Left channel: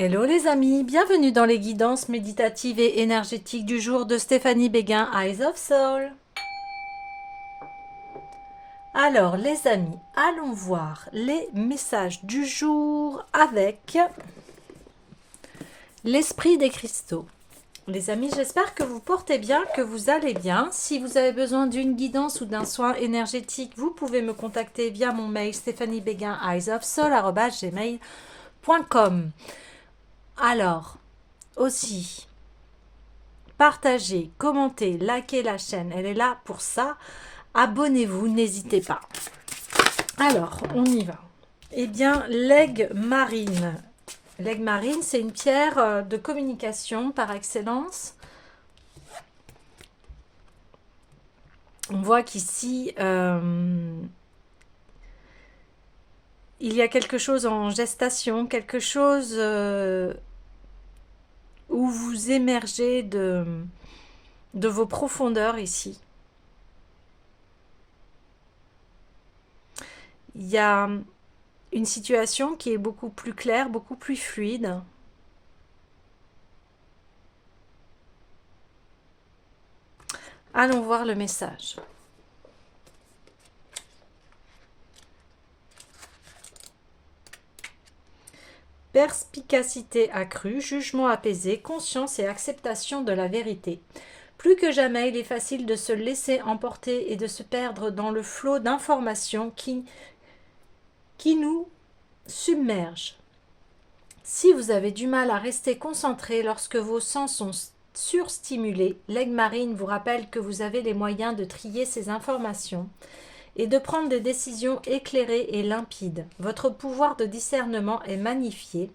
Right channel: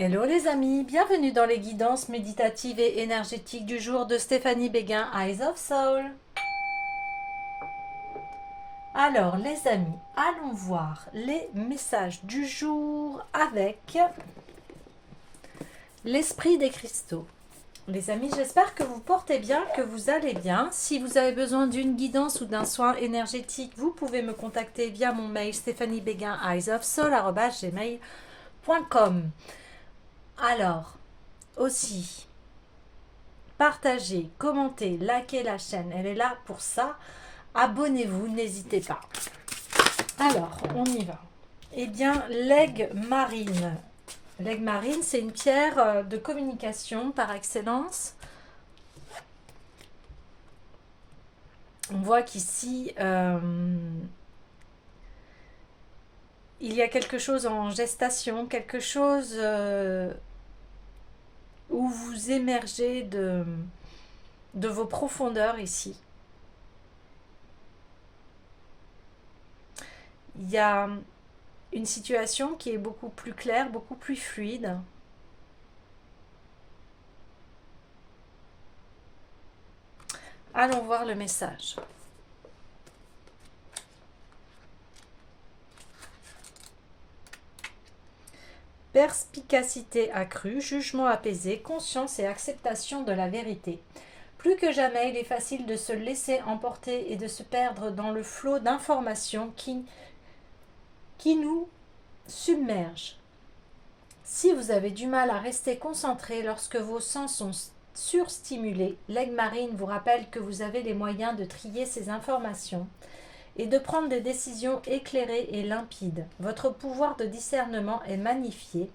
Hello les amis, bienvenue dans les guidances méditatives et énergétiques du jour de Stéphanie Béguin, Eyes of Soul. Alors les amis, allons voir les messages du jour avec l'esprit des cristaux. Les amis, j'espère que vous portez bien, que vous allez bien. Si vous avez besoin d'une guidance ou d'un soin énergétique, vous pouvez me contacter via mon mail stéphaniebeguin@gmail.com. Alors, aussi, partagez, commentez, likez la chaîne. Elle est là pour ça. Abonnez-vous, n'hésitez pas. Alors, on y va. Eh bien, l'aigle marine. L'aigle marine, c'est une pierre de communication par excellence. On voit qu'ici, il y a quelque chose en gestation, quelque chose où vous émergez de vos profondeurs ici. Il y a une situation qui est beaucoup plus claire, beaucoup plus fluide. Allons voir le message. Perspicacité accrue, jugement apaisé, conscience et acceptation de la vérité. Plus que jamais, il est facile de se laisser emporter et de se perdre dans le flot d'informations qui nous submerge. Si vous avez du mal à rester concentré lorsque vos sens sont surstimulés, l'aigle marine vous rappelle que vous avez les moyens de trier ces informations et de prendre des décisions éclairées et limpides. Votre pouvoir de discernement est magnifié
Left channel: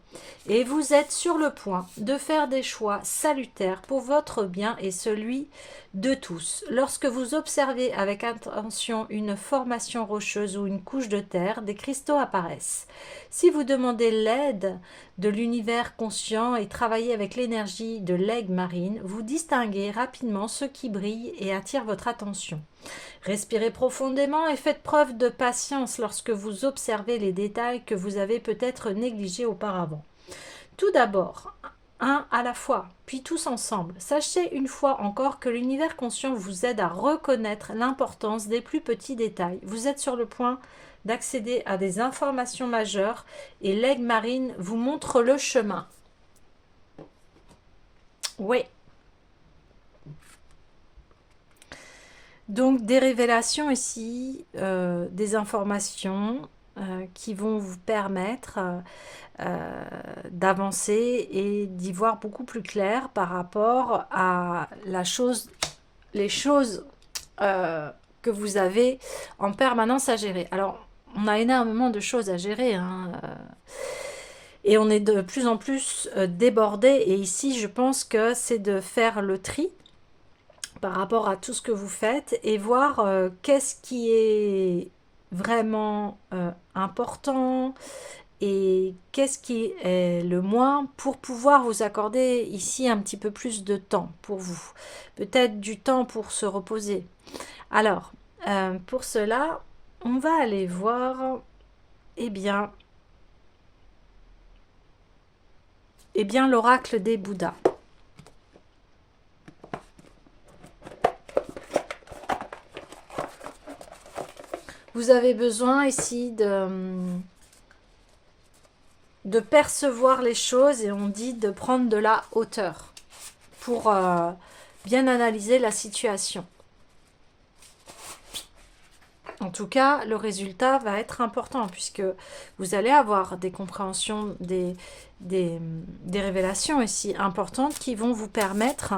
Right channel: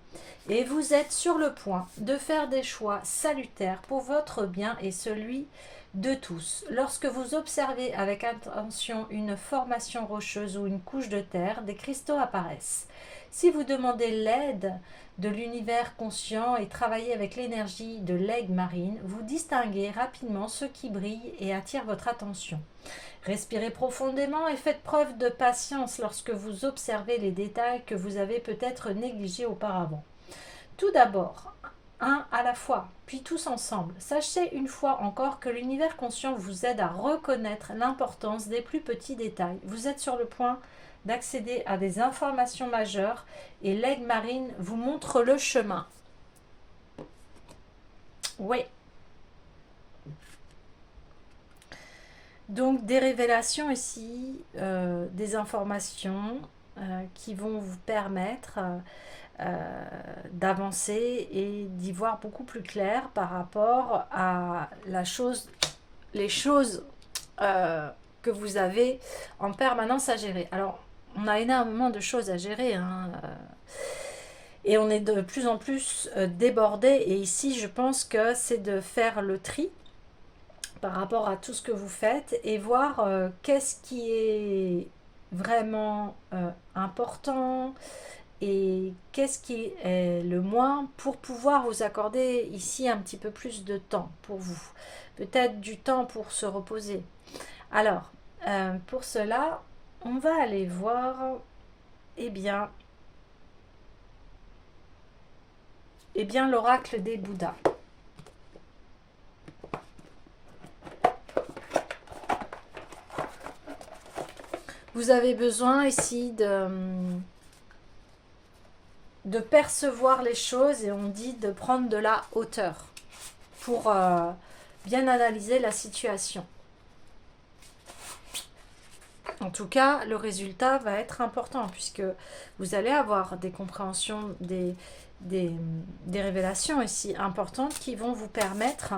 et vous êtes sur le point de faire des choix salutaires pour votre bien et celui de tous. Lorsque vous observez avec attention une formation rocheuse ou une couche de terre, des cristaux apparaissent. Si vous demandez l'aide de l'univers conscient et travaillez avec l'énergie de l'aigle marine, vous distinguez rapidement ce qui brille et attire votre attention. Respirez profondément et faites preuve de patience lorsque vous observez les détails que vous avez peut-être négligés auparavant. Tout d'abord, un à la fois, puis tous ensemble. Sachez une fois encore que l'univers conscient vous aide à reconnaître l'importance des plus petits détails. Vous êtes sur le point d'accéder à des informations majeures et l'aigle marine vous montre le chemin. Oui. Donc des révélations ici, des informations qui vont vous permettre d'avancer et d'y voir beaucoup plus clair par rapport à les choses que vous avez en permanence à gérer. Alors, on a énormément de choses à gérer, hein, et on est de plus en plus débordé. Et ici, je pense que c'est de faire le tri par rapport à tout ce que vous faites et voir qu'est-ce qui est vraiment important et qu'est-ce qui est le moins pour pouvoir vous accorder ici un petit peu plus de temps pour vous. Peut-être du temps pour se reposer. Alors, pour cela, on va aller voir, eh bien, l'oracle des Bouddhas. Vous avez besoin ici de percevoir les choses et on dit de prendre de la hauteur pour bien analyser la situation. En tout cas, le résultat va être important puisque vous allez avoir des compréhensions, des révélations ici importantes qui vont vous permettre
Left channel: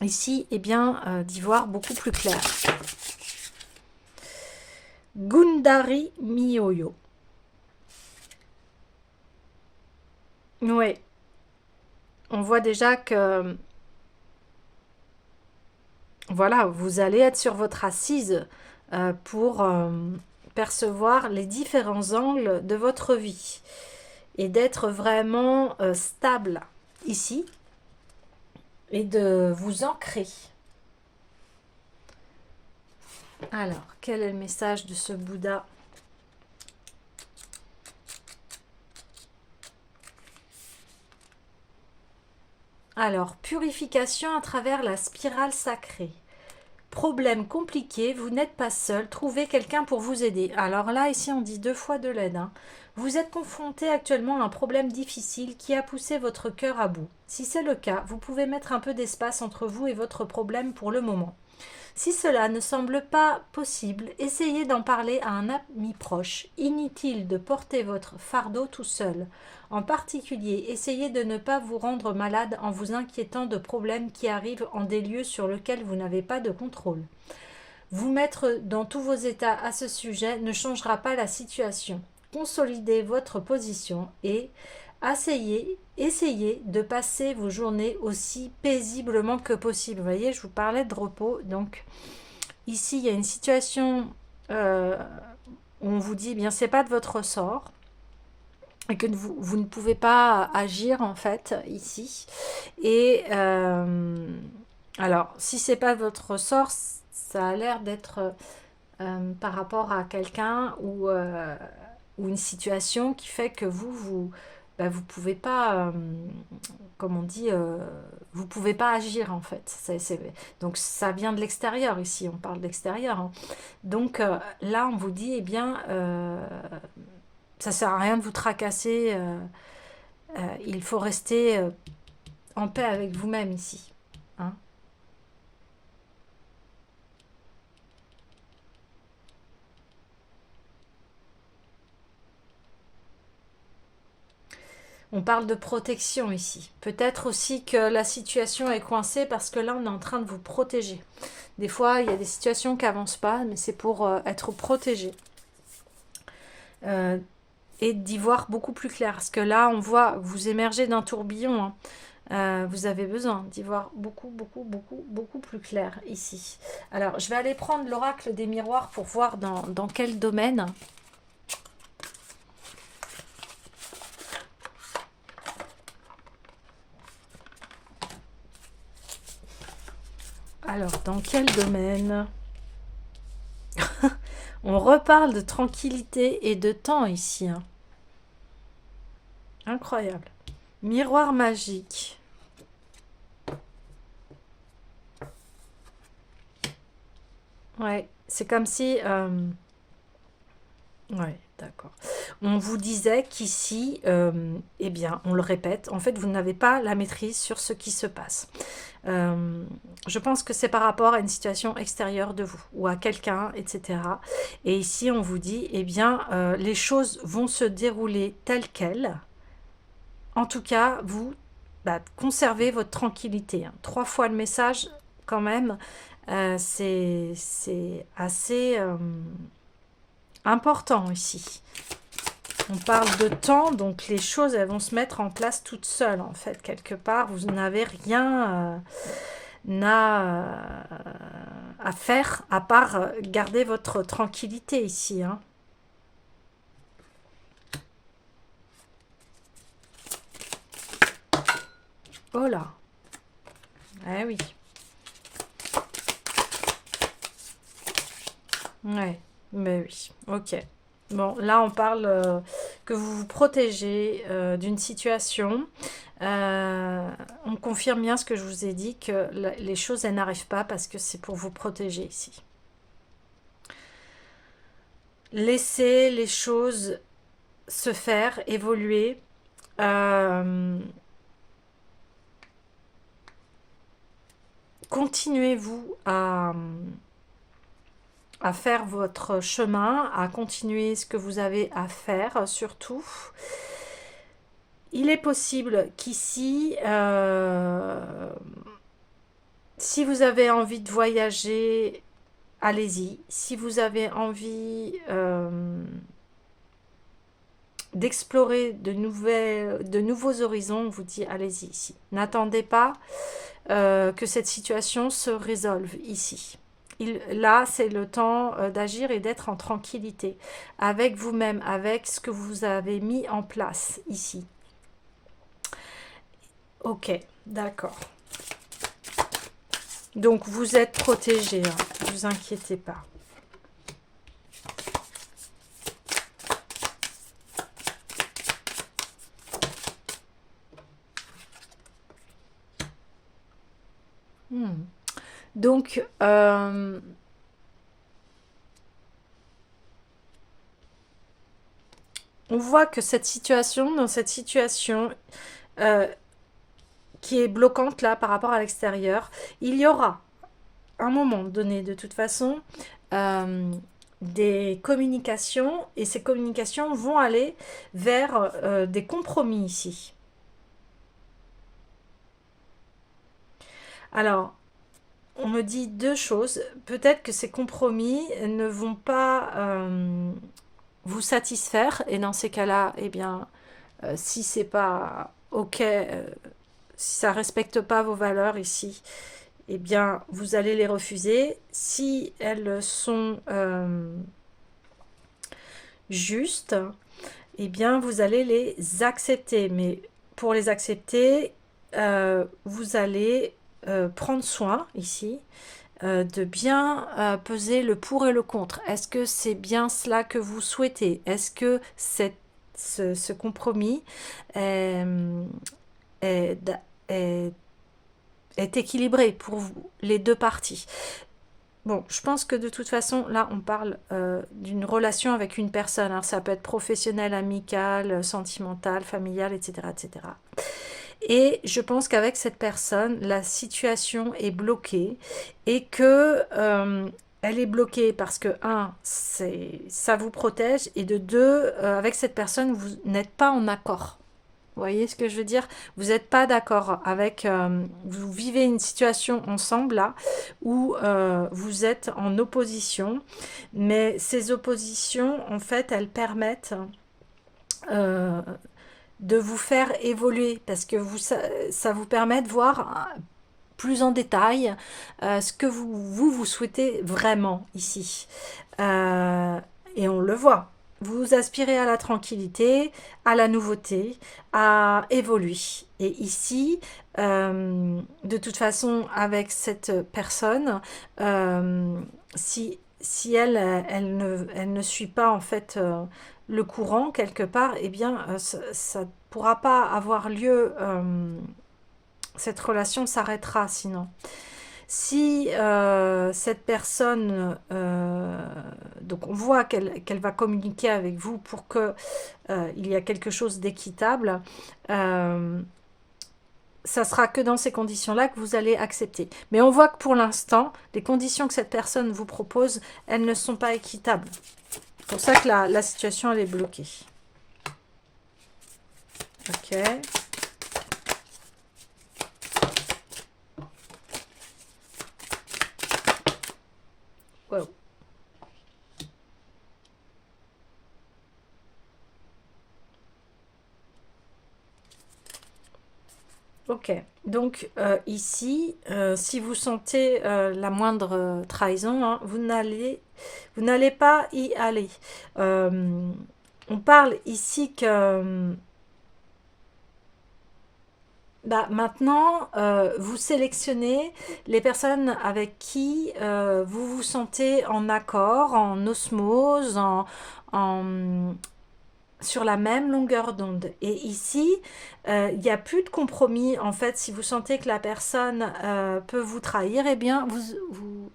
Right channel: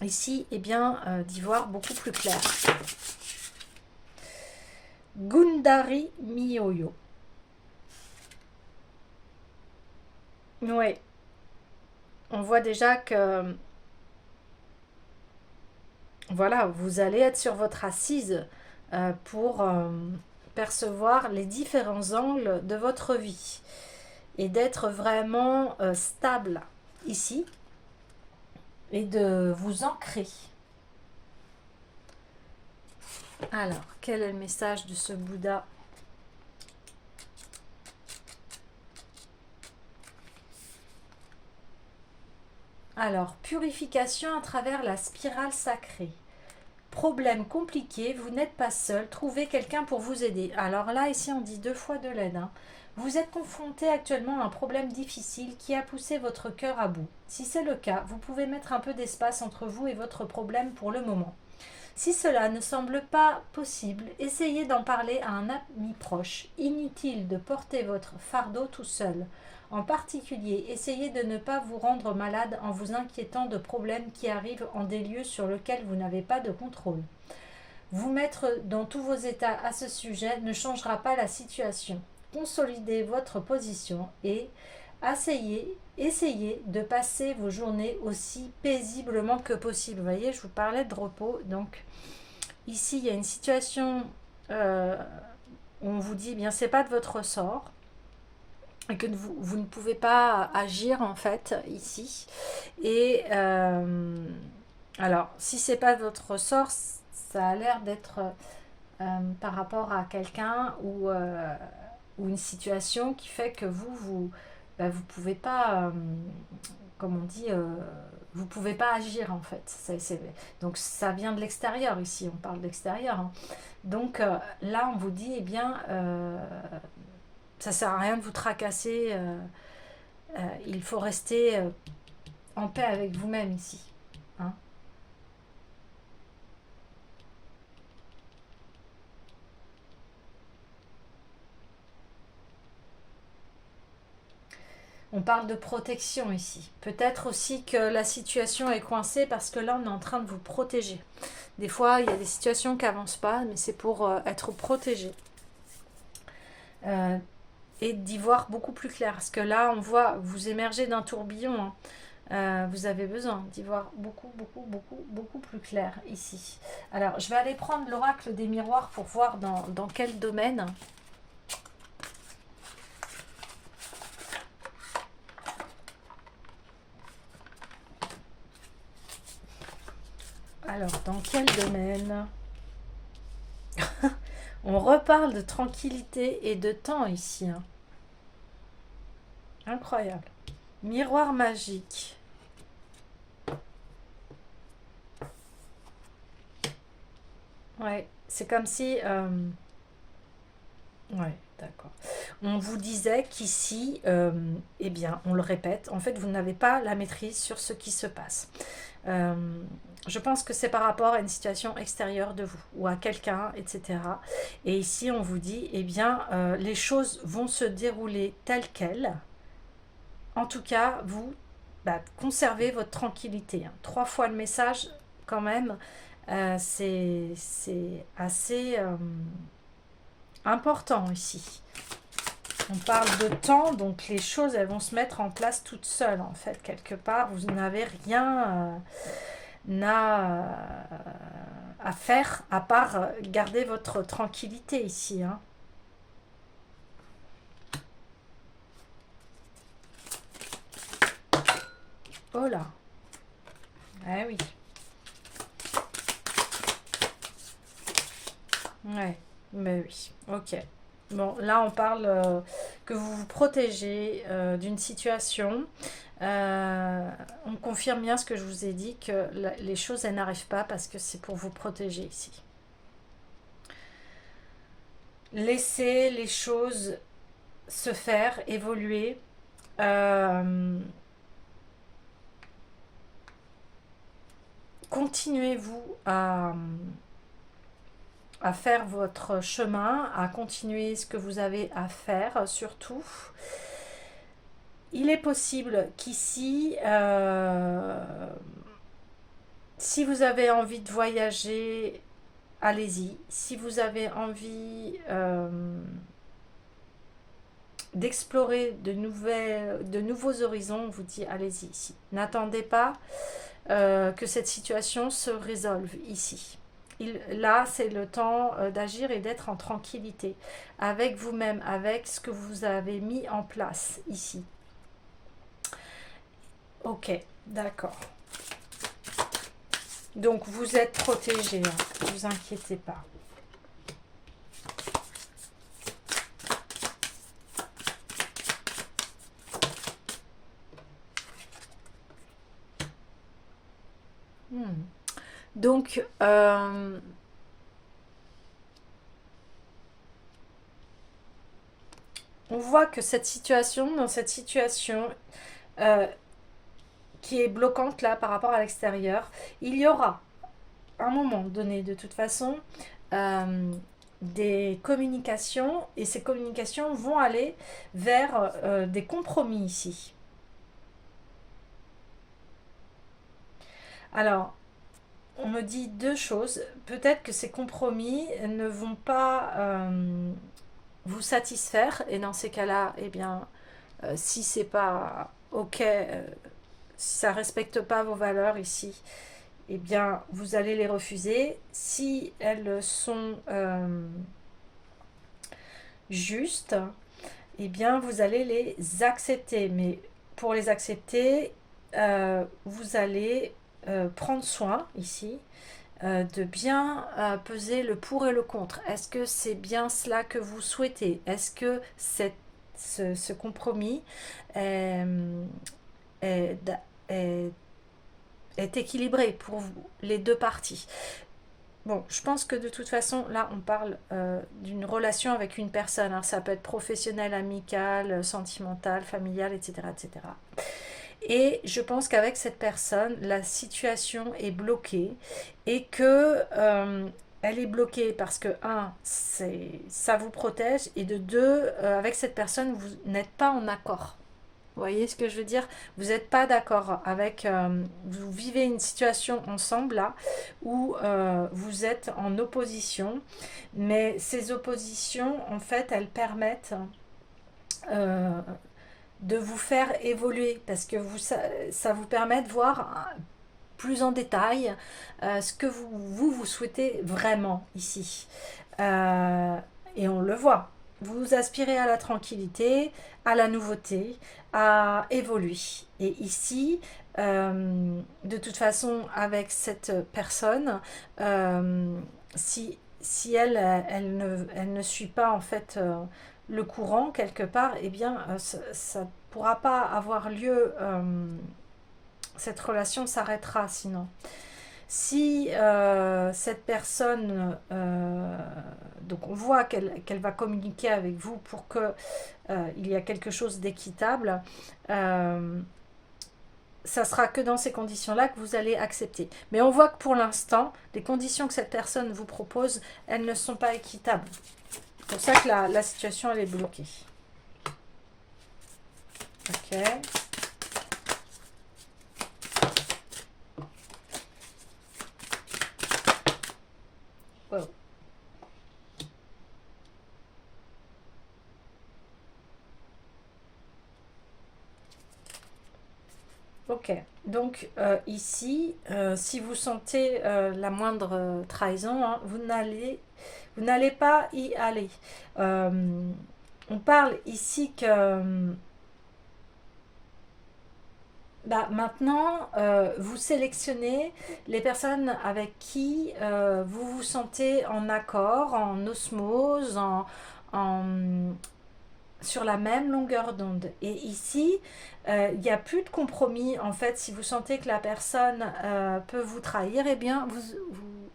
ici d'y voir beaucoup plus clair. Gundari Miyoyo. Oui, on voit déjà que voilà, vous allez être sur votre assise pour percevoir les différents angles de votre vie et d'être vraiment stable ici et de vous ancrer. Alors, quel est le message de ce Bouddha ? Alors, purification à travers la spirale sacrée. Problème compliqué, vous n'êtes pas seul, trouvez quelqu'un pour vous aider. Alors là, ici, on dit 2 fois de l'aide. Vous êtes confronté actuellement à un problème difficile qui a poussé votre cœur à bout. Si c'est le cas, vous pouvez mettre un peu d'espace entre vous et votre problème pour le moment. Si cela ne semble pas possible, essayez d'en parler à un ami proche. Inutile de porter votre fardeau tout seul. En particulier, essayez de ne pas vous rendre malade en vous inquiétant de problèmes qui arrivent en des lieux sur lesquels vous n'avez pas de contrôle. Vous mettre dans tous vos états à ce sujet ne changera pas la situation. Consolidez votre position et essayez de passer vos journées aussi paisiblement que possible. Vous voyez, je vous parlais de repos. Donc, ici, il y a une situation où on vous dit, eh bien, c'est pas de votre ressort et que vous ne pouvez pas agir, en fait, ici. Et alors, si c'est pas de votre ressort, ça a l'air d'être par rapport à quelqu'un ou une situation qui fait que vous pouvez pas, comme on dit, vous pouvez pas agir en fait. Donc ça vient de l'extérieur ici, on parle de l'extérieur. Donc là, on vous dit, eh bien, ça sert à rien de vous tracasser. Il faut rester en paix avec vous-même ici. Hein. On parle de protection ici. Peut-être aussi que la situation est coincée parce que là, on est en train de vous protéger. Des fois, il y a des situations qui n'avancent pas, mais c'est pour être protégé. Et d'y voir beaucoup plus clair. Parce que là, on voit, vous émergez d'un tourbillon. Vous avez besoin d'y voir beaucoup plus clair ici. Alors, je vais aller prendre l'oracle des miroirs pour voir dans quel domaine. Alors, dans quel domaine? On reparle de tranquillité et de temps ici. Hein. Incroyable. Miroir magique. Ouais, c'est comme si... Ouais, d'accord. On vous disait qu'ici, eh bien, on le répète, en fait, vous n'avez pas la maîtrise sur ce qui se passe. Je pense que c'est par rapport à une situation extérieure de vous ou à quelqu'un, etc. Et ici, on vous dit, eh bien, les choses vont se dérouler telles quelles. En tout cas, vous conservez votre tranquillité. 3 fois le message, quand même, c'est assez important ici. On parle de temps, donc les choses elles vont se mettre en place toutes seules en fait, quelque part. Vous n'avez rien à faire à part garder votre tranquillité ici. Hein. Oh là. Eh oui. Ouais, mais oui. Ok. Bon, là on parle que vous vous protégez d'une situation. On confirme bien ce que je vous ai dit, que les choses elles n'arrivent pas parce que c'est pour vous protéger ici. Laissez les choses se faire, évoluer. Continuez-vous à faire votre chemin, à continuer ce que vous avez à faire surtout. Il est possible qu'ici, si vous avez envie de voyager, allez-y. Si vous avez envie d'explorer de nouveaux horizons, on vous dit allez-y ici. N'attendez pas que cette situation se résolve ici. Là, c'est le temps d'agir et d'être en tranquillité avec vous-même, avec ce que vous avez mis en place ici. Ok, d'accord. Donc, vous êtes protégé, ne vous inquiétez pas. Donc, on voit que dans cette situation qui est bloquante là par rapport à l'extérieur, il y aura un moment donné de toute façon euh, des communications et ces communications vont aller vers des compromis ici. Alors, on me dit deux choses. Peut-être que ces compromis ne vont pas vous satisfaire et dans ces cas-là, eh bien, si c'est pas ok, si ça respecte pas vos valeurs ici, eh bien, vous allez les refuser. Si elles sont justes, eh bien, vous allez les accepter. Mais pour les accepter, vous allez prendre soin ici de bien peser le pour et le contre. Est-ce que c'est bien cela que vous souhaitez? Est-ce que ce compromis est, est, est, est équilibré pour vous, les deux parties? Bon, je pense que de toute façon, là, on parle d'une relation avec une personne. Alors, ça peut être professionnel, amical, sentimental, familial, etc., etc. Et je pense qu'avec cette personne, la situation est bloquée et que elle est bloquée parce que, un, ça vous protège et de deux, avec cette personne, vous n'êtes pas en accord. Vous voyez ce que je veux dire? Vous n'êtes pas d'accord avec... vous vivez une situation ensemble là où vous êtes en opposition, mais ces oppositions, en fait, elles permettent euh, de vous faire évoluer parce que ça vous permet de voir plus en détail ce que vous souhaitez vraiment ici. Euh, et on le voit. Vous aspirez à la tranquillité, à la nouveauté, à évoluer. Et ici, de toute façon, avec cette personne, si elle ne suit pas en fait le courant quelque part, eh bien, ça ne pourra pas avoir lieu. Cette relation s'arrêtera sinon. Si cette personne, donc on voit qu'elle va communiquer avec vous pour que il y a quelque chose d'équitable, euh, ça sera que dans ces conditions-là que vous allez accepter. Mais on voit que pour l'instant, les conditions que cette personne vous propose, elles ne sont pas équitables. C'est pour ça que la situation, elle est bloquée. Ok. Wow. Ok, donc ici, si vous sentez la moindre trahison, hein, vous n'allez pas y aller. Euh, on parle ici que bah, maintenant, vous sélectionnez les personnes avec qui vous vous sentez en accord, en osmose, en, sur la même longueur d'onde. Et ici, il n'y a plus de compromis. En fait, si vous sentez que la personne peut vous trahir, eh bien,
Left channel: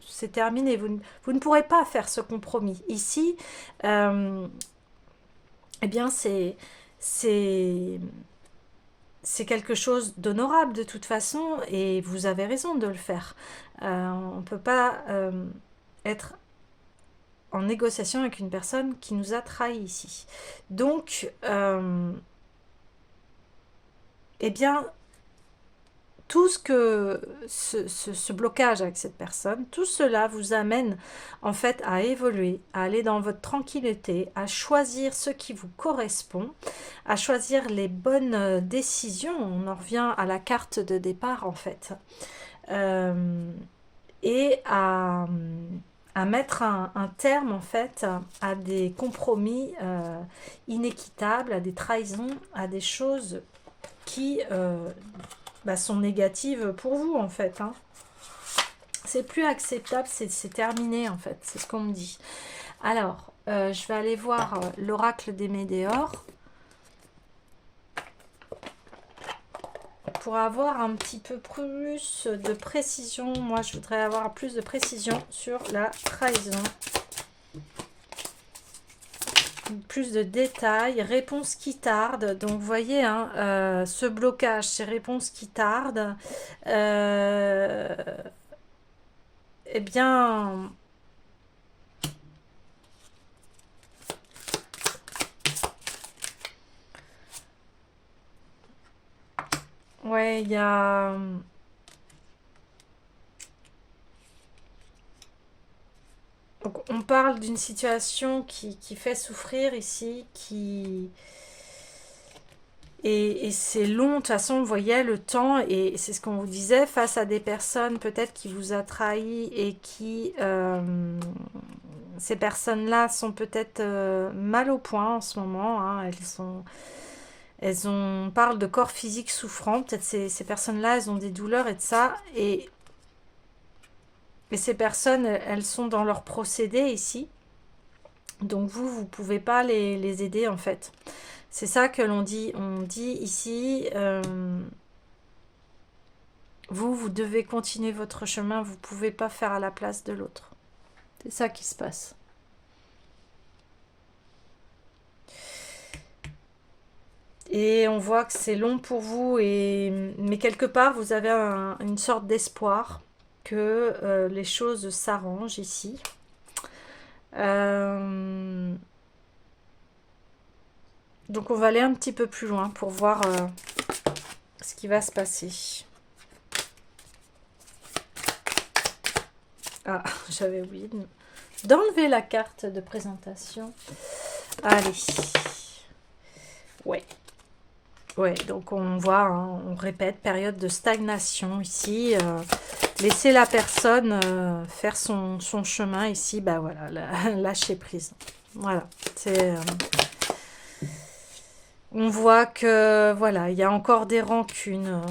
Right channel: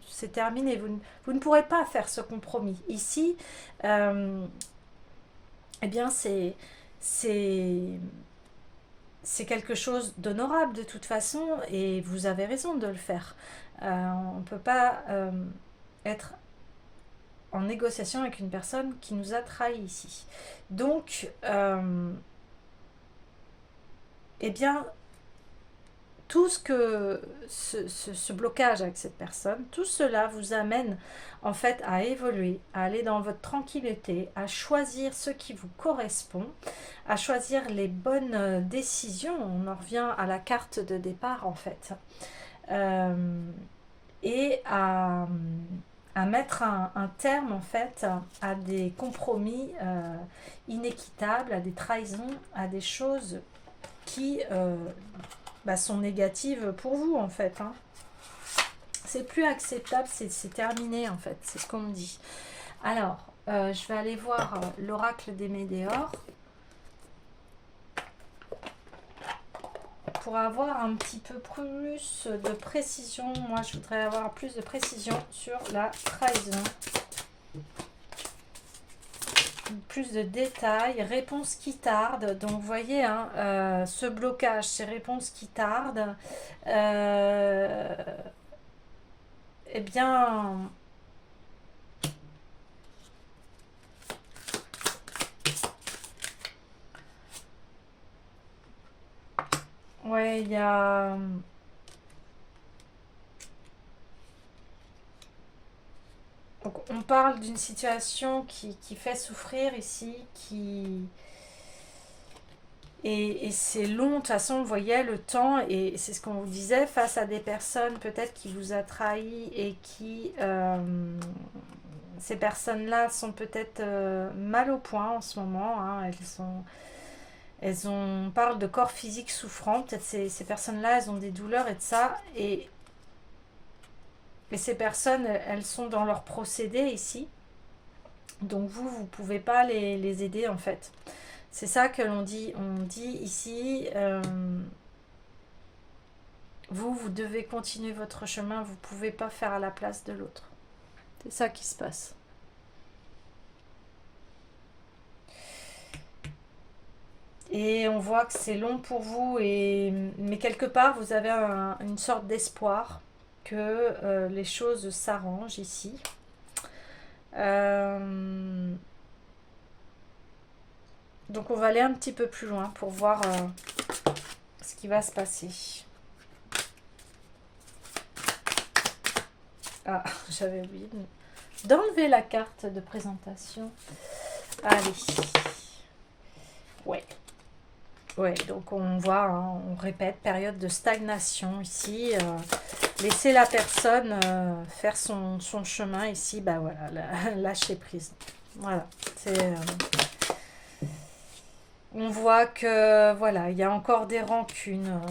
c'est terminé. Vous ne pourrez pas faire ce compromis. Ici, euh, eh bien, c'est, c'est quelque chose d'honorable de toute façon et vous avez raison de le faire. On ne peut pas être en négociation avec une personne qui nous a trahis ici. Donc, eh bien, tout ce que ce blocage avec cette personne, tout cela vous amène en fait à évoluer, à aller dans votre tranquillité, à choisir ce qui vous correspond, à choisir les bonnes décisions. On en revient à la carte de départ en fait. Euh, et à mettre un terme en fait à des compromis inéquitables, à des trahisons, à des choses qui sont négatives pour vous en fait. Hein. C'est plus acceptable, c'est terminé en fait, c'est ce qu'on me dit. Alors, je vais aller voir l'oracle des Médéors. pour avoir un petit peu plus de précision, moi je voudrais avoir plus de précision sur la trahison. Plus de détails, réponse qui tarde. Donc vous voyez, hein, ce blocage, ces réponses qui tardent, eh bien, ouais, il y a... Donc, on parle d'une situation qui fait souffrir ici, et c'est long, de toute façon, vous voyez le temps, et c'est ce qu'on vous disait, face à des personnes peut-être qui vous a trahi et qui, ces personnes-là sont peut-être mal au point en ce moment, hein, on parle de corps physique souffrant, peut-être ces personnes-là, elles ont des douleurs et de ça, et ces personnes, elles sont dans leur procédé ici, donc vous pouvez pas les aider en fait. C'est ça que l'on dit. On dit ici, vous devez continuer votre chemin, vous ne pouvez pas faire à la place de l'autre. C'est ça qui se passe. Et on voit que c'est long pour vous, mais quelque part, vous avez une sorte d'espoir que les choses s'arrangent ici. Donc on va aller un petit peu plus loin pour voir ce qui va se passer. Ah, j'avais oublié d'enlever la carte de présentation. Allez. Ouais. Ouais, donc on voit, hein, on répète, période de stagnation ici. Laisser la personne faire son chemin ici. Bah voilà, lâcher prise. Voilà, c'est... on voit que, voilà, il y a encore des rancunes.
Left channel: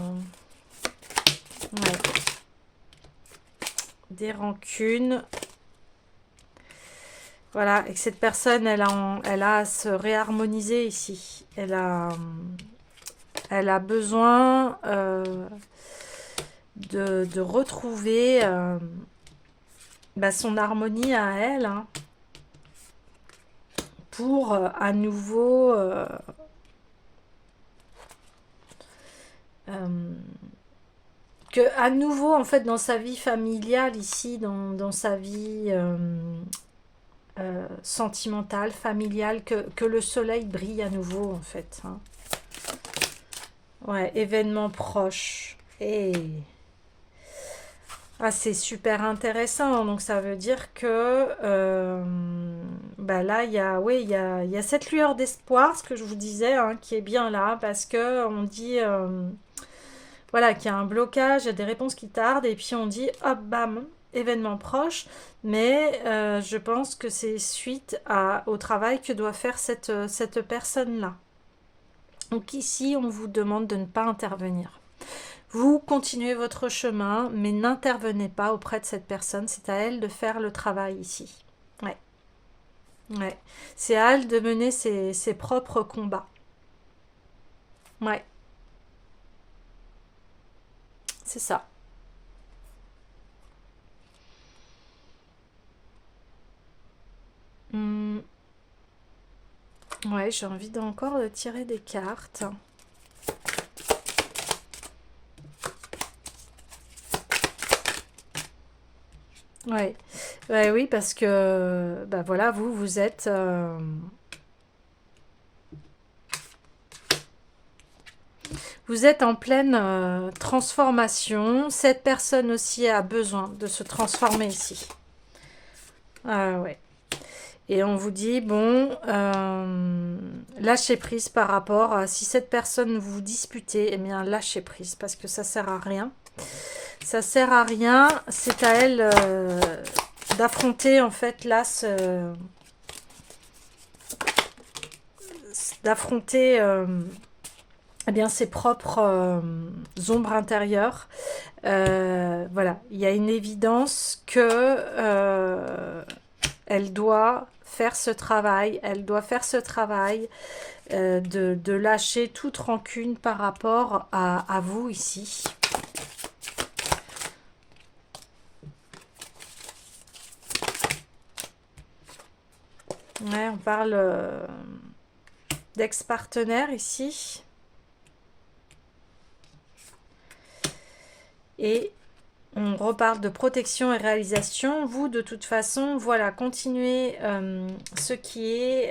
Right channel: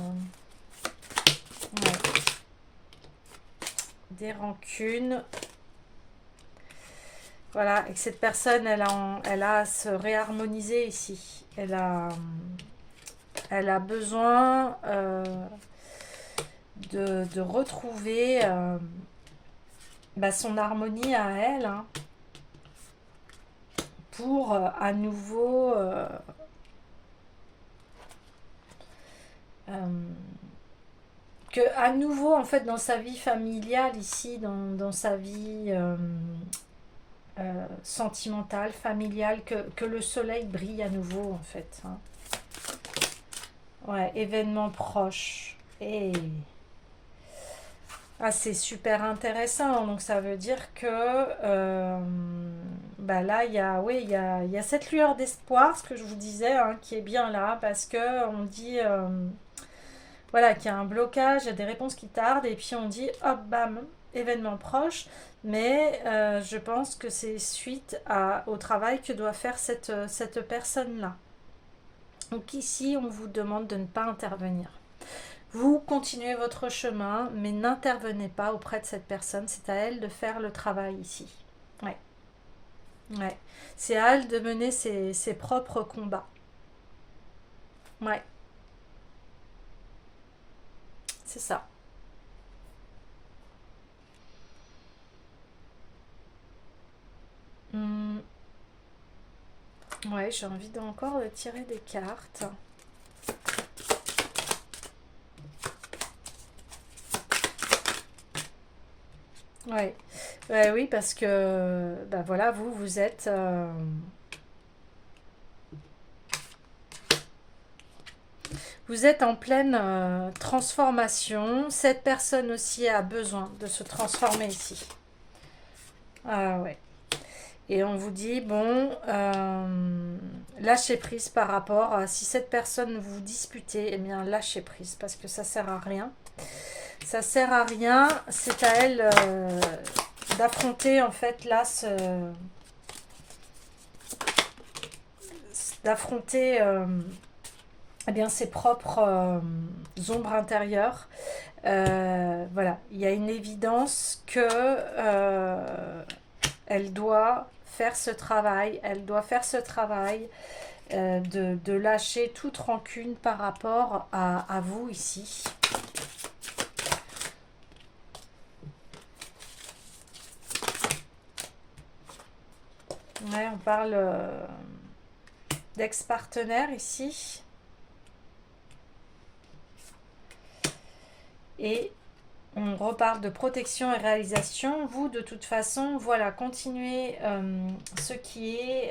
Ouais. Des rancunes. Voilà, et que cette personne, elle a à se réharmoniser ici. Elle a besoin de retrouver son harmonie à elle, hein, pour à nouveau que à nouveau en fait dans sa vie familiale ici, dans sa vie sentimentale, familiale, que le soleil brille à nouveau en fait, hein. Ouais, événement proche. Et c'est super intéressant. Donc ça veut dire que là, il y a cette lueur d'espoir, ce que je vous disais, hein, qui est bien là, parce que on dit voilà, qu'il y a un blocage, il y a des réponses qui tardent, et puis on dit hop, bam, événement proche. Mais je pense que c'est suite au travail que doit faire cette personne-là. Donc ici, on vous demande de ne pas intervenir. Vous continuez votre chemin, mais n'intervenez pas auprès de cette personne. C'est à elle de faire le travail ici. Ouais. Ouais. C'est à elle de mener ses propres combats. Ouais. C'est ça. Hmm. Ouais, j'ai envie encore de tirer des cartes. Ouais. Ouais, oui, parce que voilà, vous êtes vous êtes en pleine transformation. Cette personne aussi a besoin de se transformer ici. Ouais. Et on vous dit, bon, lâchez prise par rapport à si cette personne vous disputez, eh bien lâchez prise parce que ça sert à rien. Ça sert à rien, c'est à elle d'affronter en fait là d'affronter eh bien ses propres ombres intérieures. Voilà, il y a une évidence que elle doit faire ce travail, elle doit faire ce travail de lâcher toute rancune par rapport à vous ici. Ouais, on parle d'ex-partenaire ici. Et on reparle de protection et réalisation. Vous, de toute façon, voilà, continuez ce qui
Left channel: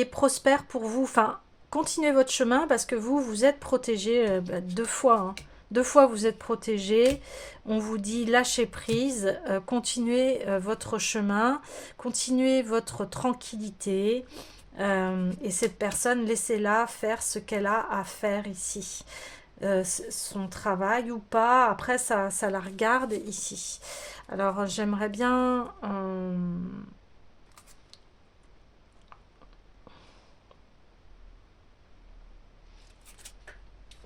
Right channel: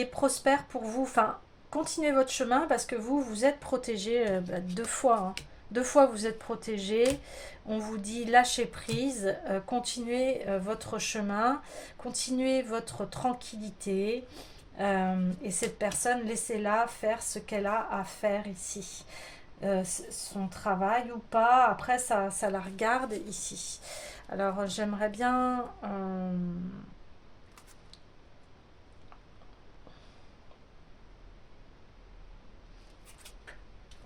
est prospère pour vous. Enfin, continuez votre chemin parce que vous êtes protégé deux fois. Hein. Deux fois, vous êtes protégé. On vous dit lâchez prise, continuez votre chemin, continuez votre tranquillité. Et cette personne, laissez-la faire ce qu'elle a à faire ici. Son travail ou pas, après ça la regarde ici. Alors j'aimerais bien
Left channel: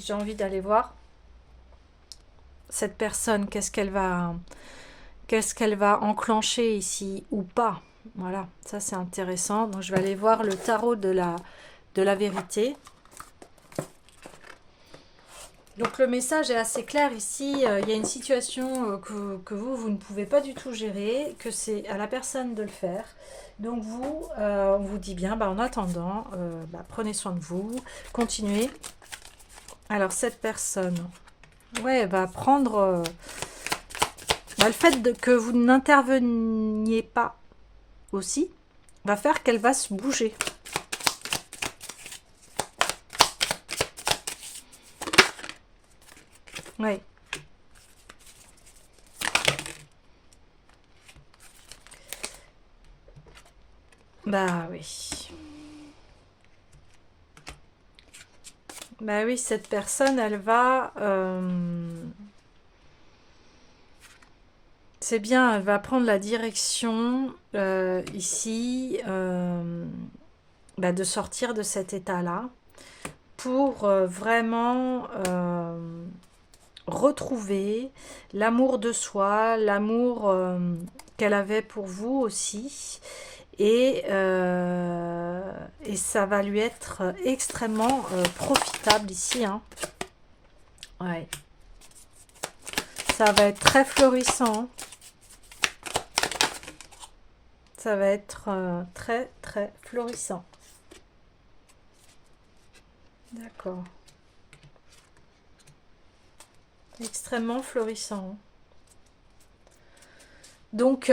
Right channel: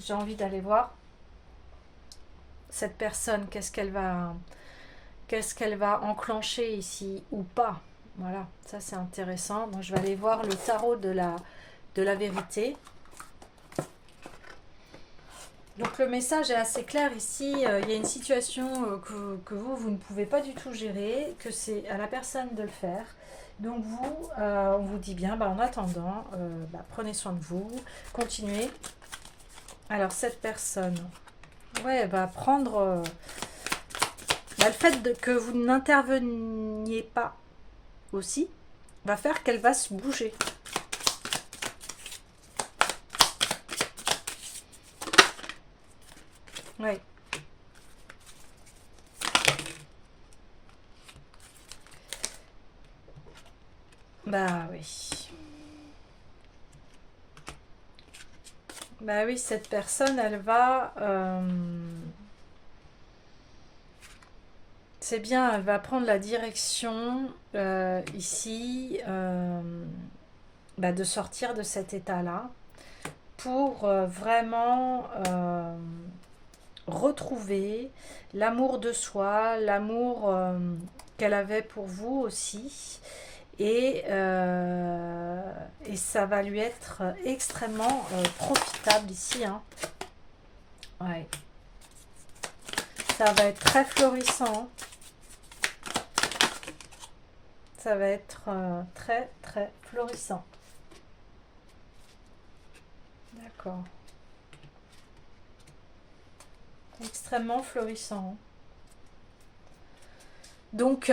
j'ai envie d'aller voir cette personne, qu'est-ce qu'elle va enclencher ici ou pas. Voilà, ça c'est intéressant. Donc je vais aller voir le tarot de la vérité. Donc le message est assez clair ici. Il y a une situation que vous ne pouvez pas du tout gérer, que c'est à la personne de le faire. Donc vous, on vous dit bien, en attendant, prenez soin de vous, continuez. Alors cette personne, ouais, va prendre le fait que vous n'interveniez pas aussi, va faire qu'elle va se bouger. Oui. Bah oui. Bah oui, cette personne, elle va... c'est bien, elle va prendre la direction ici de sortir de cet état-là pour vraiment retrouver l'amour de soi, l'amour qu'elle avait pour vous aussi. Et ça va lui être extrêmement profitable ici. Hein. Ouais. Ça va être très florissant. Ça va être très très florissant. D'accord. Extrêmement florissant. Donc,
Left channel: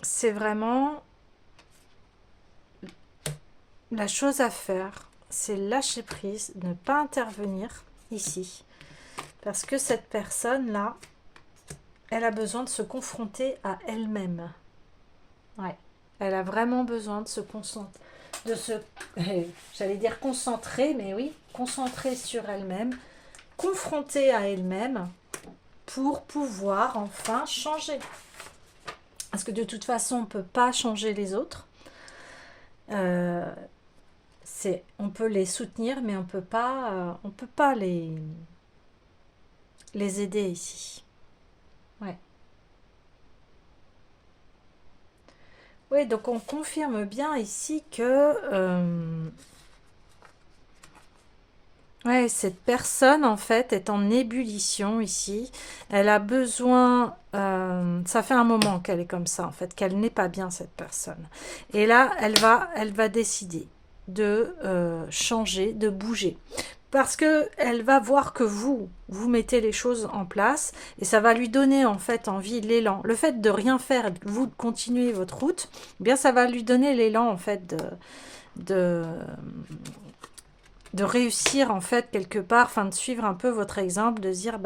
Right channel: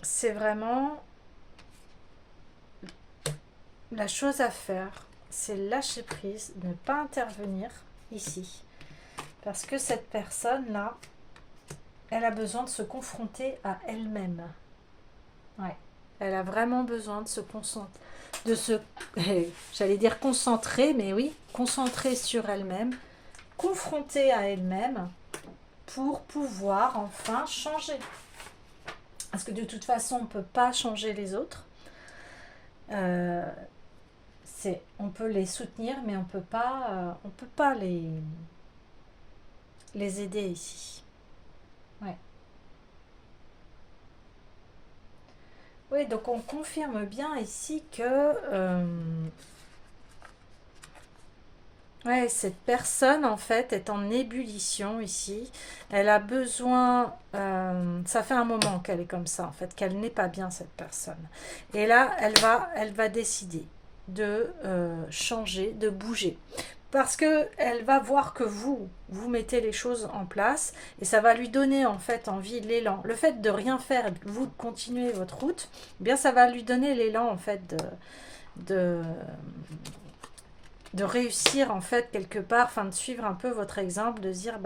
c'est vraiment la chose à faire, c'est lâcher prise, ne pas intervenir ici. Parce que cette personne-là, elle a besoin de se confronter à elle-même. Ouais. Elle a vraiment besoin de se concentrer, j'allais dire concentrer, mais oui, concentrer sur elle-même, confronter à elle-même pour pouvoir enfin changer. Parce que de toute façon, on ne peut pas changer les autres. On peut les soutenir, mais on peut pas les aider ici. Ouais. Oui, donc on confirme bien ici que ouais, cette personne en fait est en ébullition ici. Elle a besoin, ça fait un moment qu'elle est comme ça en fait, qu'elle n'est pas bien cette personne. Et là, elle va décider de changer, de bouger. Parce que elle va voir que vous mettez les choses en place et ça va lui donner en fait envie, l'élan. Le fait de rien faire et vous de continuer votre route, eh bien ça va lui donner l'élan en fait de, de réussir en fait quelque part, enfin de suivre un peu votre exemple, de se dire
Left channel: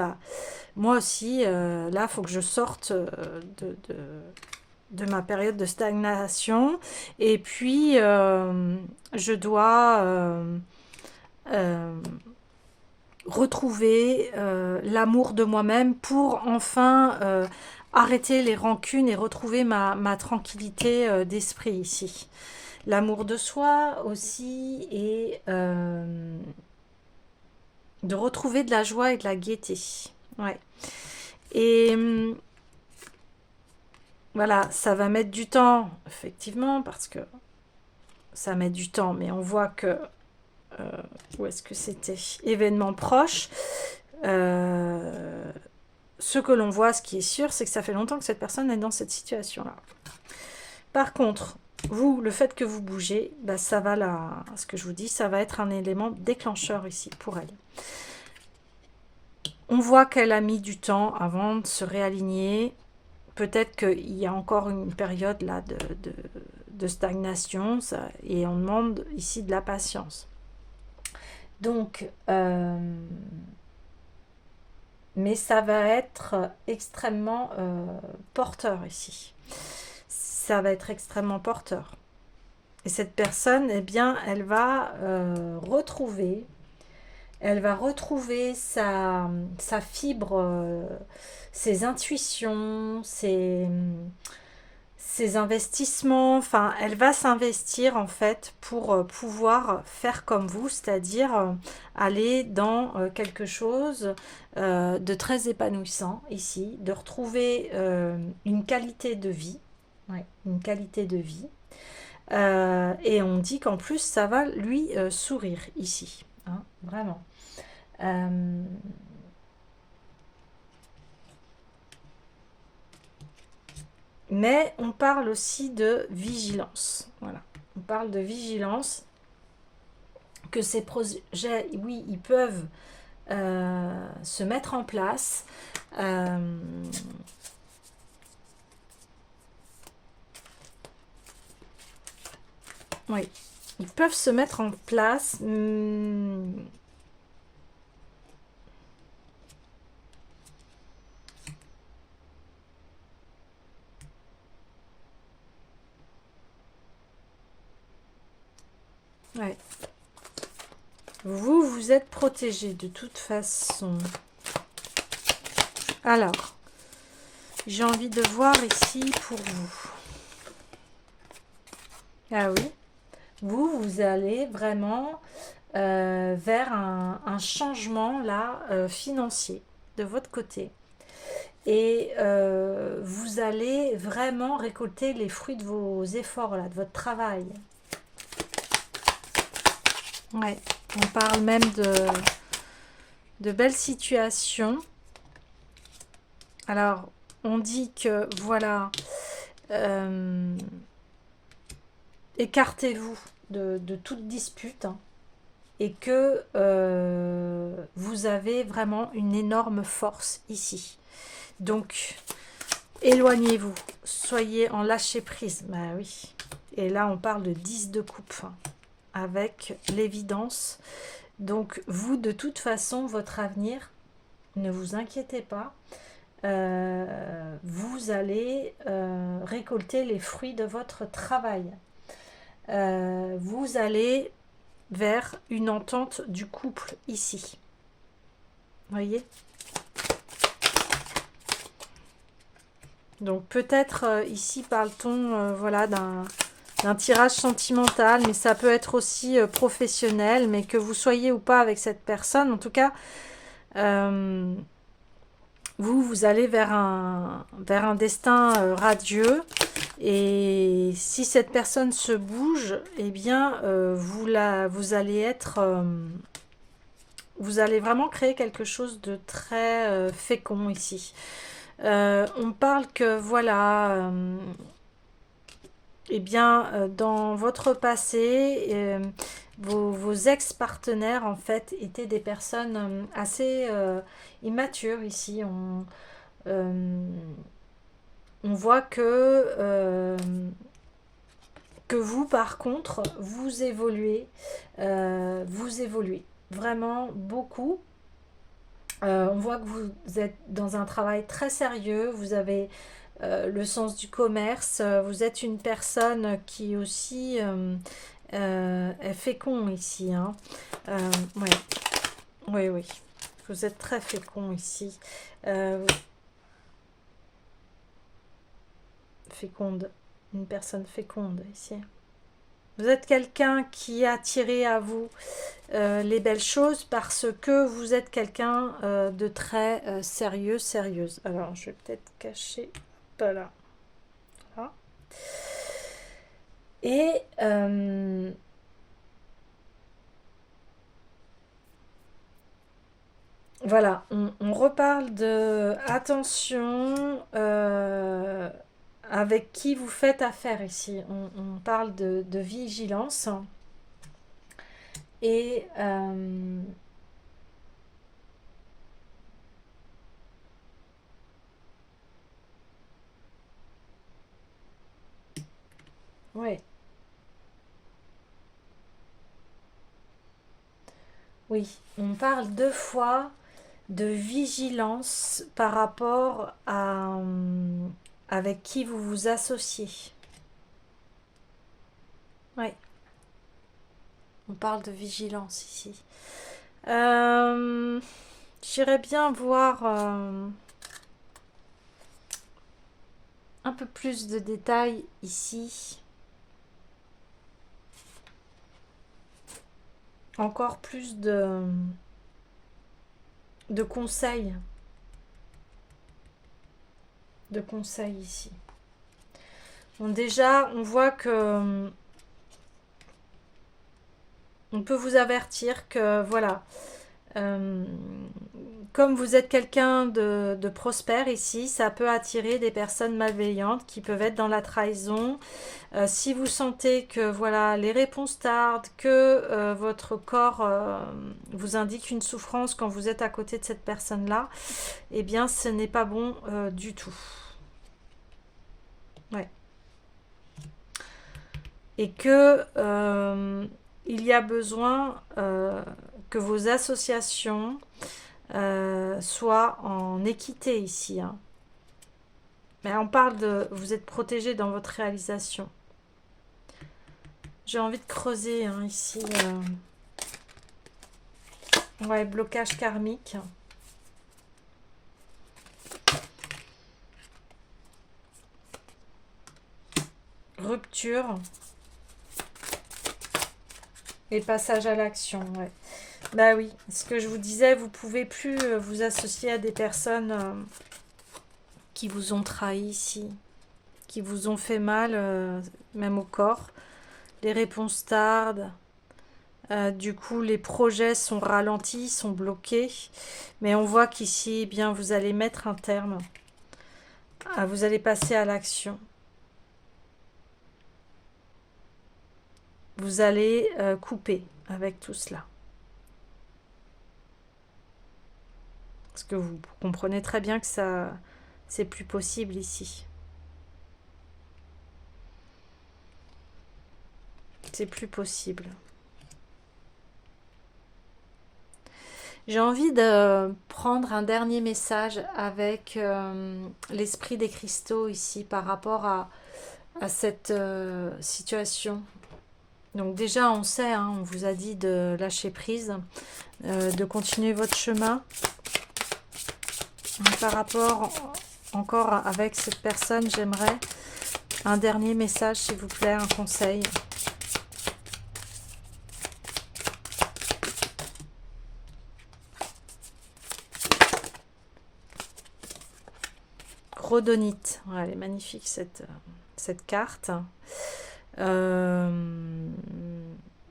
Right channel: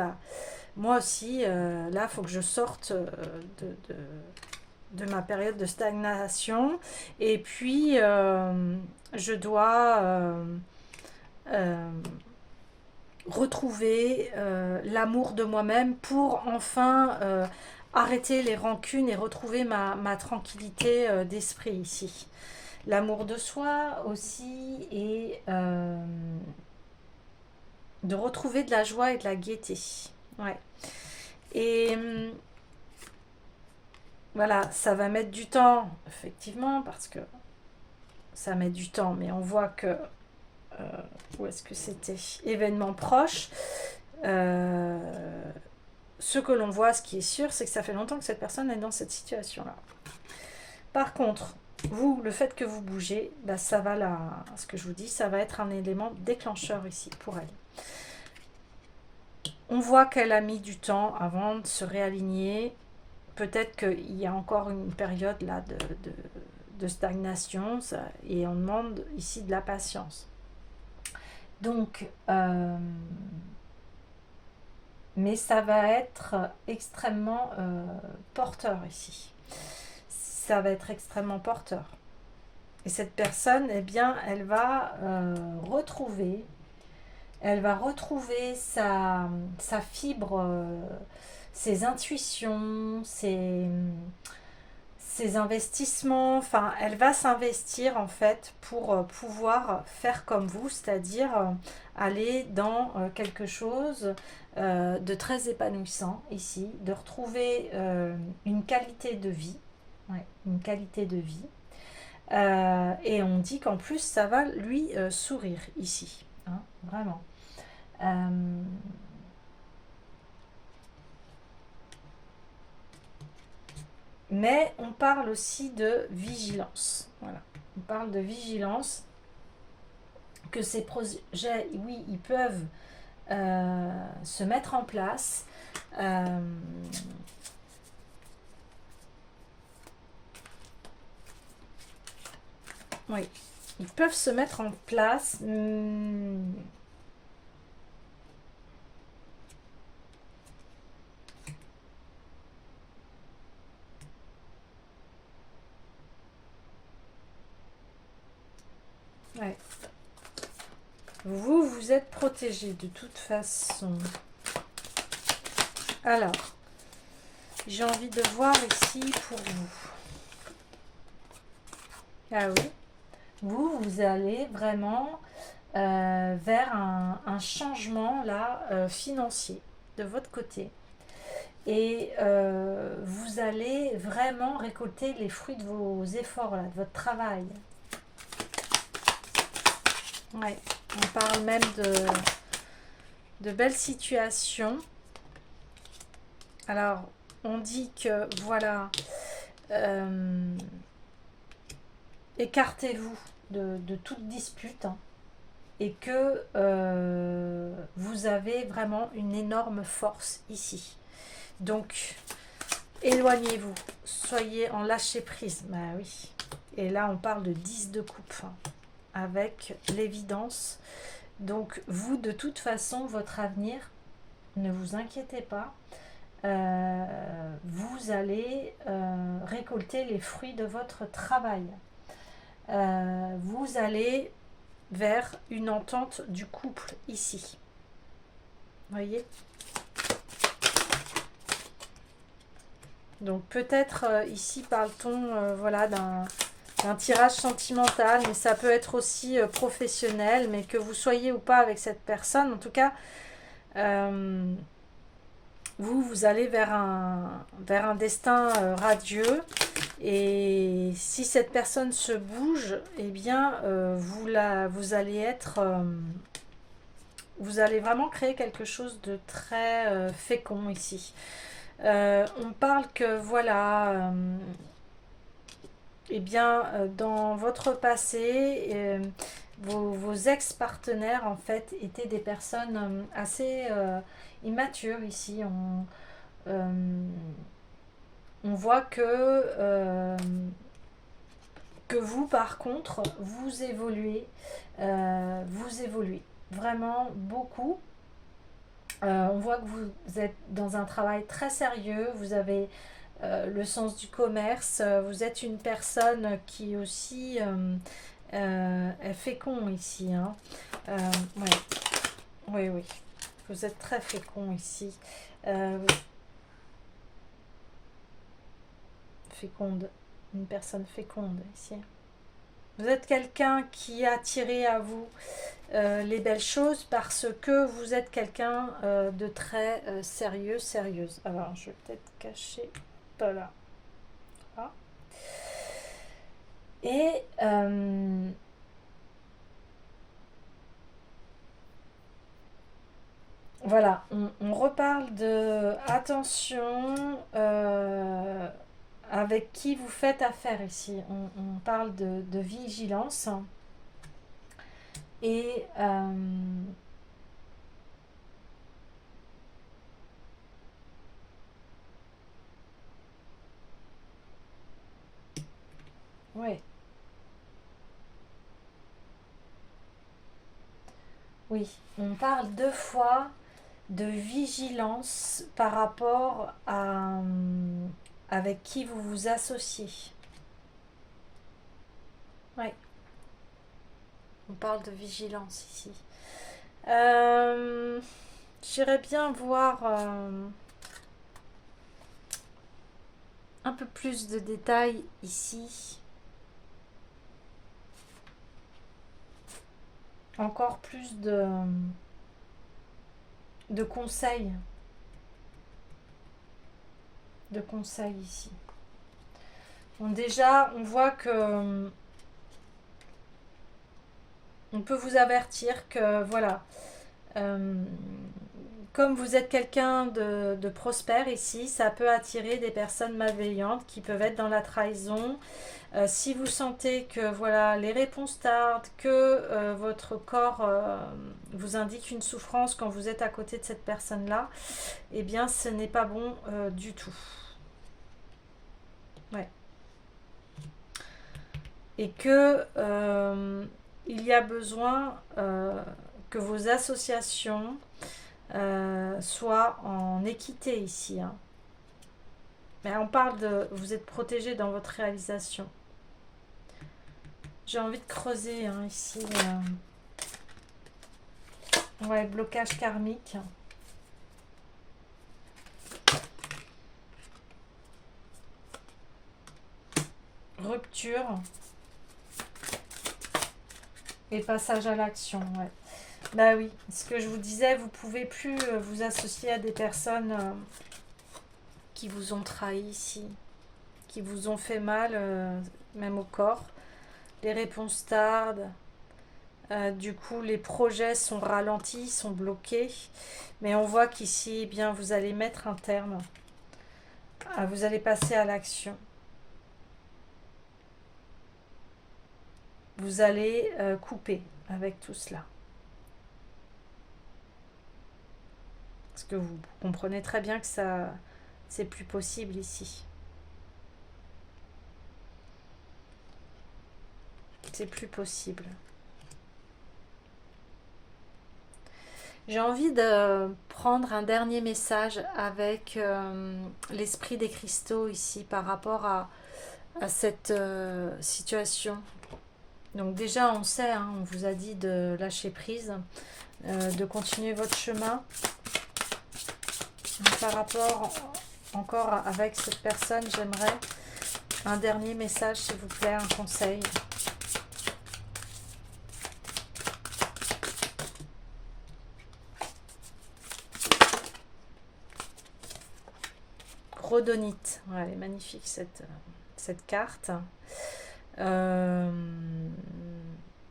moi aussi là il faut que je sorte de ma période de stagnation et puis je dois retrouver l'amour de moi-même pour enfin arrêter les rancunes et retrouver ma tranquillité d'esprit ici. L'amour de soi aussi et de retrouver de la joie et de la gaieté. Ouais. Et voilà, ça va mettre du temps, effectivement, parce que ça met du temps, mais on voit que, où est-ce que c'était? Événement proche. Ce que l'on voit, ce qui est sûr, c'est que ça fait longtemps que cette personne est dans cette situation-là. Par contre, vous, le fait que vous bougez, bah, ça va là, ce que je vous dis, ça va être un élément déclencheur ici pour elle. On voit qu'elle a mis du temps avant de se réaligner. Peut-être qu'il y a encore une période là de stagnation et on demande ici de la patience. Donc, mais ça va être extrêmement porteur ici. Ça va être extrêmement porteur. Et cette personne, eh bien, elle va retrouver sa fibre, ses intuitions, ses investissements. Enfin, elle va s'investir en fait pour pouvoir faire comme vous, c'est-à-dire aller dans quelque chose de très épanouissant ici, de retrouver une qualité de vie. Ouais, une qualité de vie. Et on dit qu'en plus, ça va lui sourire ici. Hein, vraiment. Mais on parle aussi de vigilance. Voilà. On parle de vigilance, que ces projets, oui, ils peuvent se mettre en place. Oui, ils peuvent se mettre en place. Ouais. Vous, vous êtes protégé de toute façon. Alors, j'ai envie de voir ici pour vous. Ah oui. Vous allez vraiment vers un changement là financier de votre côté. Et vous allez vraiment récolter les fruits de vos efforts, là, de votre travail. Ouais, on parle même de belles situations. Alors, on dit que, voilà, écartez-vous de toute dispute, hein, et que vous avez vraiment une énorme force ici. Donc, éloignez-vous, soyez en lâcher prise. Bah oui. Et là, on parle de 10 de coupe, hein, avec l'évidence. Donc, vous, de toute façon, votre avenir, ne vous inquiétez pas. Vous allez récolter les fruits de votre travail. Vous allez vers une entente du couple ici. Voyez ? Donc peut-être ici parle-t-on voilà, d'un tirage sentimental, mais ça peut être aussi professionnel, mais que vous soyez ou pas avec cette personne, en tout cas, vous allez vers un destin radieux. Et si cette personne se bouge, eh bien, vous allez être... vous allez vraiment créer quelque chose de très fécond ici. On parle que, voilà, eh bien, dans votre passé, vos ex-partenaires, en fait, étaient des personnes assez immatures ici. On voit que vous, par contre, vous évoluez vraiment beaucoup. On voit que vous êtes dans un travail très sérieux, vous avez le sens du commerce, vous êtes une personne qui aussi est fécond ici. Hein. Ouais. Oui, oui, vous êtes très fécond ici. Féconde, une personne féconde ici. Vous êtes quelqu'un qui a attiré à vous les belles choses parce que vous êtes quelqu'un de très sérieux, sérieuse. Alors, je vais peut-être cacher. Voilà. Voilà. Et voilà, on reparle de attention avec qui vous faites affaire ici. On parle de vigilance. Et ouais, oui, on parle deux fois de vigilance par rapport à avec qui vous vous associez. Oui, on parle de vigilance ici. J'irais bien voir un peu plus de détails ici. Encore plus de conseils. De conseils ici. Bon, déjà, on voit que on peut vous avertir que voilà, euh, comme vous êtes quelqu'un de prospère ici, ça peut attirer des personnes malveillantes qui peuvent être dans la trahison. Si vous sentez que voilà, les réponses tardent, que votre corps vous indique une souffrance quand vous êtes à côté de cette personne-là, eh bien ce n'est pas bon du tout. Ouais. Et que il y a besoin que vos associations soient en équité ici, hein. Mais on parle de vous êtes protégé dans votre réalisation. J'ai envie de creuser hein, ici. Ouais, blocage karmique. Rupture. Et passage à l'action, ouais. Bah oui, ce que je vous disais, vous pouvez plus vous associer à des personnes qui vous ont trahi ici, qui vous ont fait mal, même au corps. Les réponses tardent. Du coup, les projets sont ralentis, sont bloqués. Mais on voit qu'ici, eh bien, vous allez mettre un terme. Vous allez passer à l'action. Vous allez couper avec tout cela. Parce que vous comprenez très bien que ça, c'est plus possible ici. C'est plus possible. J'ai envie de prendre un dernier message avec l'esprit des cristaux ici par rapport à cette situation. Donc déjà on sait, hein, on vous a dit de lâcher prise, de continuer votre chemin. Donc, par rapport encore avec cette personne, j'aimerais un dernier message s'il vous plaît, un conseil. Rhodonite, ouais, elle est magnifique cette carte. On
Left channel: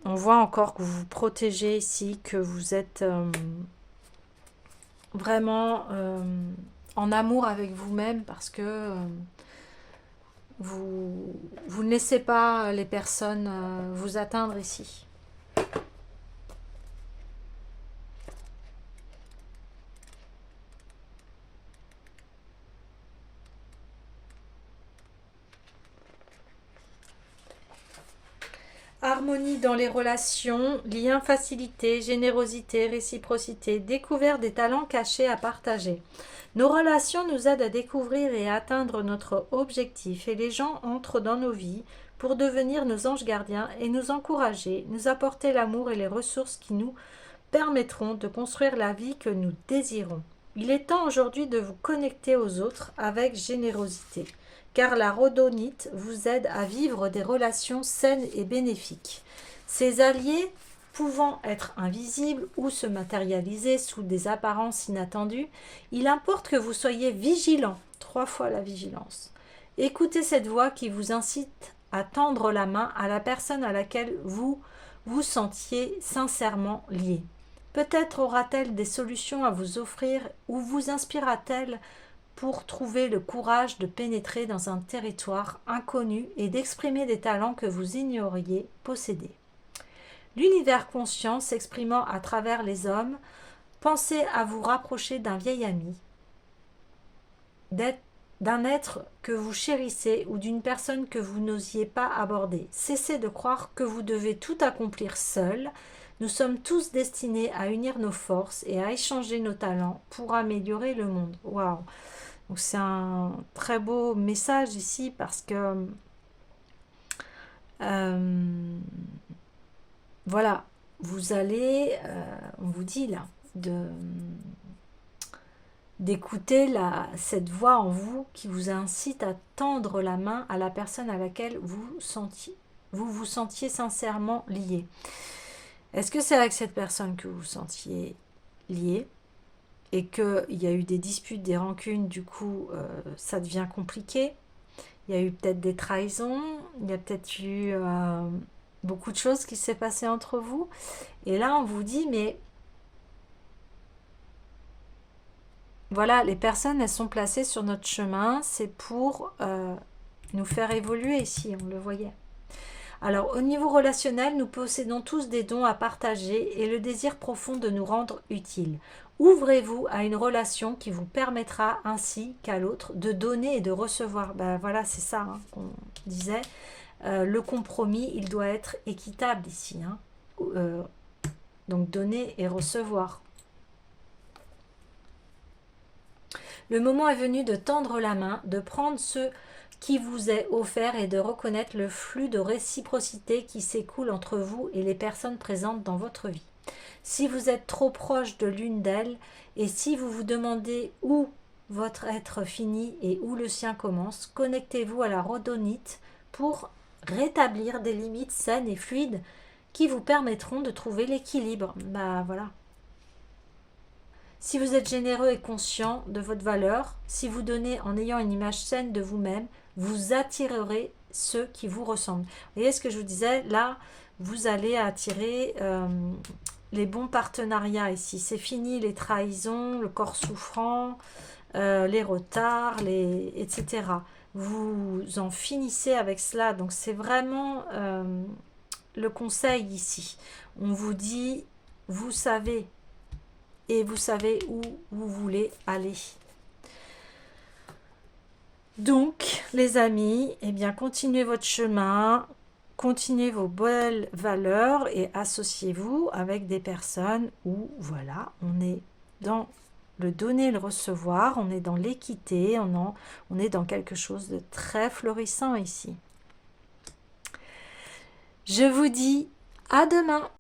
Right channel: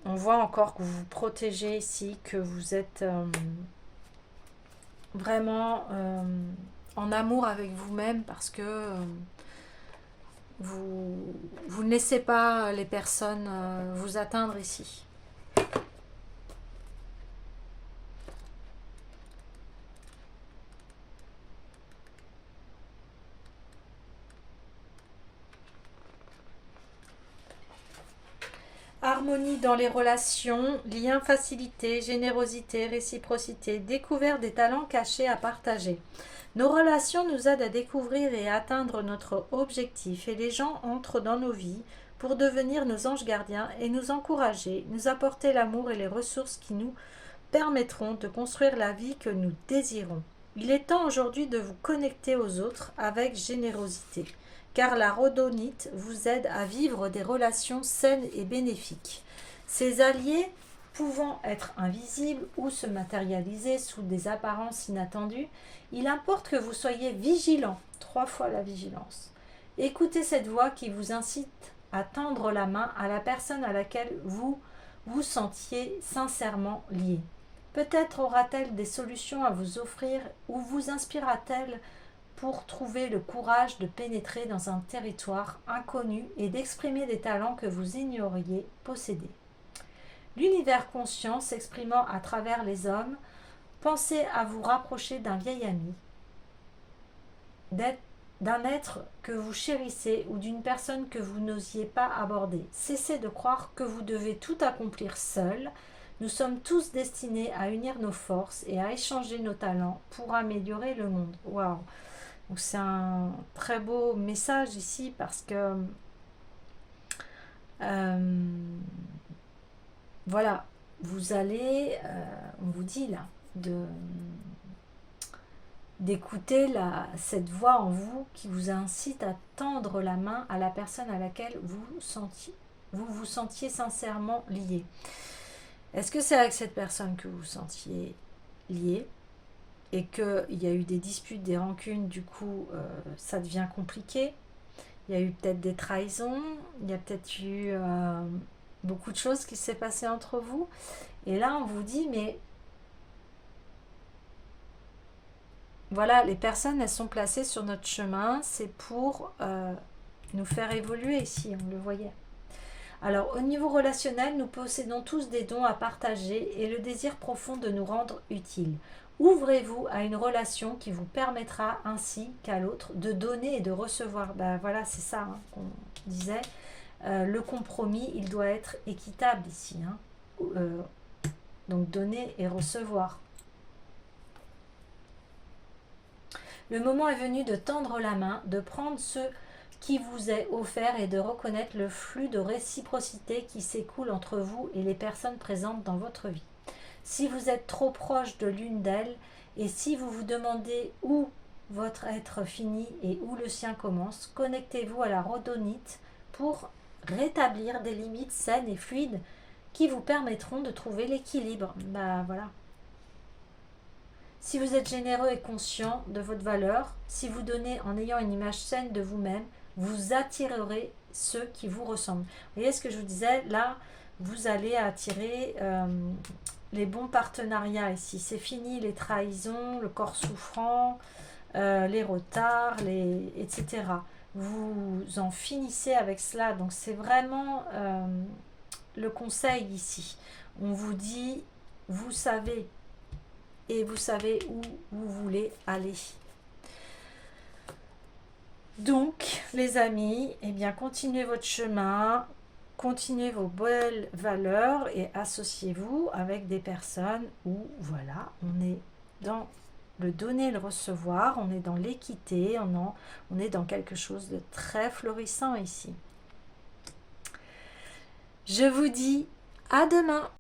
voit encore que vous vous protégez ici, que vous êtes vraiment en amour avec vous-même parce que vous ne laissez pas les personnes vous atteindre ici. Harmonie dans les relations, lien, facilité, générosité, réciprocité, découverte des talents cachés à partager. Nos relations nous aident à découvrir et à atteindre notre objectif et les gens entrent dans nos vies pour devenir nos anges gardiens et nous encourager, nous apporter l'amour et les ressources qui nous permettront de construire la vie que nous désirons. Il est temps aujourd'hui de vous connecter aux autres avec générosité, car la rhodonite vous aide à vivre des relations saines et bénéfiques. Ces alliés, pouvant être invisibles ou se matérialiser sous des apparences inattendues, il importe que vous soyez vigilant, 3 fois la vigilance. Écoutez cette voix qui vous incite à tendre la main à la personne à laquelle vous vous sentiez sincèrement lié. Peut-être aura-t-elle des solutions à vous offrir ou vous inspirera-t-elle pour trouver le courage de pénétrer dans un territoire inconnu et d'exprimer des talents que vous ignoriez posséder. L'univers conscient s'exprimant à travers les hommes, pensez à vous rapprocher d'un vieil ami, d'un être que vous chérissez ou d'une personne que vous n'osiez pas aborder. Cessez de croire que vous devez tout accomplir seul. Nous sommes tous destinés à unir nos forces et à échanger nos talents pour améliorer le monde. Waouh! Donc c'est un très beau message ici parce que voilà, vous allez, on vous dit là, d'écouter cette voix en vous qui vous incite à tendre la main à la personne à laquelle vous vous sentiez sincèrement lié. Est-ce que c'est avec cette personne que vous vous sentiez lié et qu'il y a eu des disputes, des rancunes, du coup ça devient compliqué? Il y a eu peut-être des trahisons, il y a peut-être eu beaucoup de choses qui s'est passé entre vous. Et là, on vous dit, mais voilà, les personnes, elles sont placées sur notre chemin, c'est pour nous faire évoluer ici, on le voyait. Alors, au niveau relationnel, nous possédons tous des dons à partager et le désir profond de nous rendre utiles. Ouvrez-vous à une relation qui vous permettra ainsi qu'à l'autre de donner et de recevoir. Ben voilà, c'est ça qu'on disait. Le compromis, il doit être équitable ici. Donc, donner et recevoir. Le moment est venu de tendre la main, de prendre ce qui vous est offert et de reconnaître le flux de réciprocité qui s'écoule entre vous et les personnes présentes dans votre vie. Si vous êtes trop proche de l'une d'elles et si vous vous demandez où votre être finit et où le sien commence, connectez-vous à la rhodonite pour rétablir des limites saines et fluides qui vous permettront de trouver l'équilibre. Voilà. Si vous êtes généreux et conscient de votre valeur, si vous donnez en ayant une image saine de vous-même, vous attirerez ceux qui vous ressemblent. Vous voyez ce que je vous disais, là, vous allez attirer les bons partenariats ici. C'est fini les trahisons, le corps souffrant, les retards, etc. Vous en finissez avec cela. Donc c'est vraiment le conseil ici. On vous dit, vous savez, et vous savez où vous voulez aller. Donc, les amis, eh bien, continuez votre chemin, continuez vos belles valeurs et associez-vous avec des personnes où, voilà, on est dans le donner et le recevoir, on est dans l'équité, on est dans quelque chose de très florissant ici. Je vous dis à demain.